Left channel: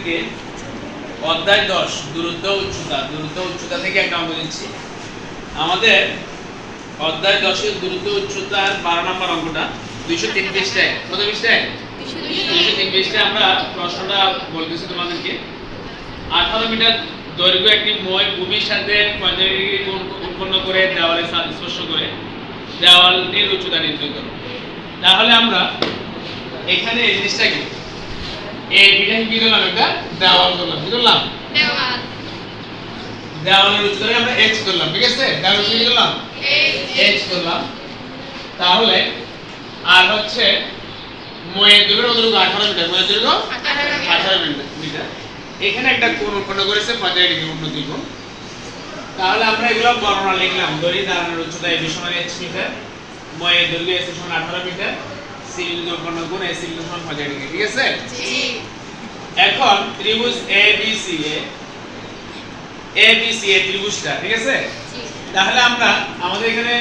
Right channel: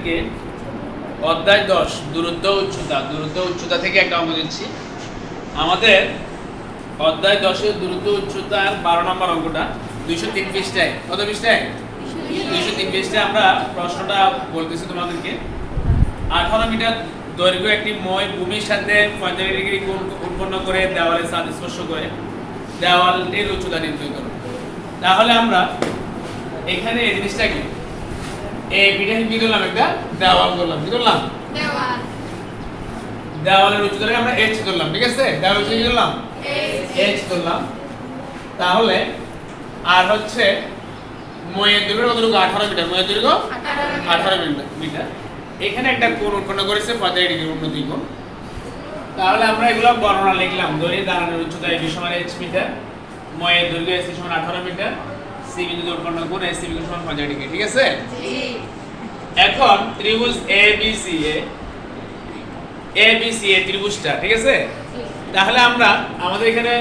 তোমাদেরকে অধ্যায় দশ, দূরত্ব, উচ্চতা। দূরত্ব, উচ্চতা থেকে একটা অঙ্ক দিচ্ছি। আমাদের অধ্যায় দশের দূরত্ব, উচ্চতার বারো নম্বর অঙ্কটা। দুইশো তিন পৃষ্ঠায় কত পৃষ্ঠায় দুইশো তিন পৃষ্ঠায় আমরা প্রশ্নটা বলতেছি তোমাদেরকে। আঠারো মিটার দৈর্ঘ্য একটি মই ভূমির সাথে পঁয়তাল্লিশ ডিগ্রি উৎপন্ন করে দেওয়ালের সাথে স্পর্শ করে দেওয়ালটির উচ্চতা নির্ণয় করো। তাহলে আমরা এখানে এই জিনিসটা কি এই বিটা কি ধরলাম একটা? দেওয়াল ধরলাম কি ধরলাম দেওয়ালের উচ্চতাকে আমরা এইচ ধরলাম ঠিক আছে? দেওয়ালের উচ্চতা কি ধরলাম এইচ ধরলাম তাহলে আর হচ্ছে ময়ের দৈর্ঘ্য কতটুকু? আঠারো মিটার। ময়ের দৈর্ঘ্য আঠারো মিটার। এখানে একটা কোণ উৎপন্ন করেছে? পঁয়তাল্লিশ ডিগ্রি উন্নতি কোণ। তাহলে আমরা এগুলো বর্ণনা লিখলাম। ধরি দাঁড়ানোর উচ্চতা এবি সমান এইচ মিটার ময়ের দৈর্ঘ্য এসি সমান আঠারো মিটার। সমান পঁয়তাল্লিশ ডিগ্রি ঠিক আছে? এখন ত্রিভুজ A B C A A B C A ত্রিভুজটা ঠিক আছে? তাহলে আমরা আমাদের এখানে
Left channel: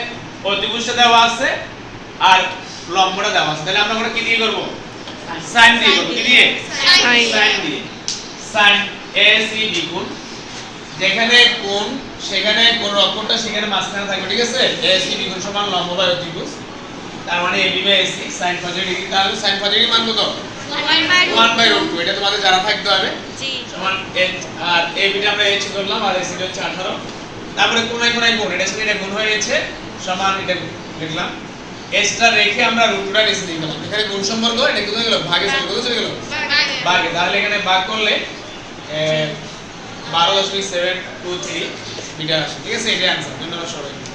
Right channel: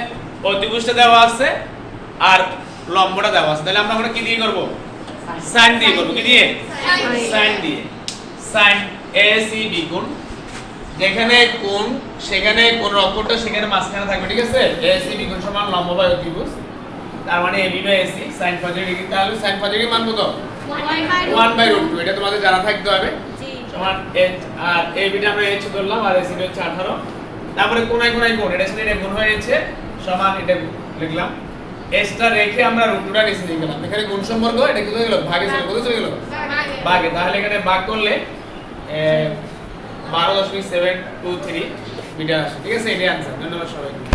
অতিভুজটা দেওয়া আছে আর লম্বটা দেওয়া আছে। তাহলে আমরা ওটা কি দিয়ে করব? সাইন দিয়ে করব কি দিয়ে? সাইন। দিয়ে। সাইন এ সি বি গুণ যেখানে কোণ সেখানে কোন অক্ষরটা সেখানে মাঝখানে থাকবে ঠিক আছে? এ সি বি গুণ সমান লম্ব অতিভুজ তার মানে A B by A C sine 45 degree তাহলে সাইন 45 ডিগ্রি মান কত? 1 বাই রুট 2 এটা তোমাদের জানা থাকতে হবে। সমান h আর a বিটা আমরা এইচ করলাম আর ac হচ্ছে 18 তারপরে কোনায় কোনায় কোণ এটা সাথে এটা গুণ হয়েছে সমান এটা লিখলাম। H টা রেখে আমরা রুট টুটা লিখে দিলাম এখানে গুণ সম্পর্ক এটা কোথায় গেল? ভাগে চলে কোথায় চলে গেল? ভাগে। তাহলে এখানে ভাগ করলে বারো দশমিক সেভেন টু থ্রি বিটা আসে। ঠিক আছে এটাই আনসার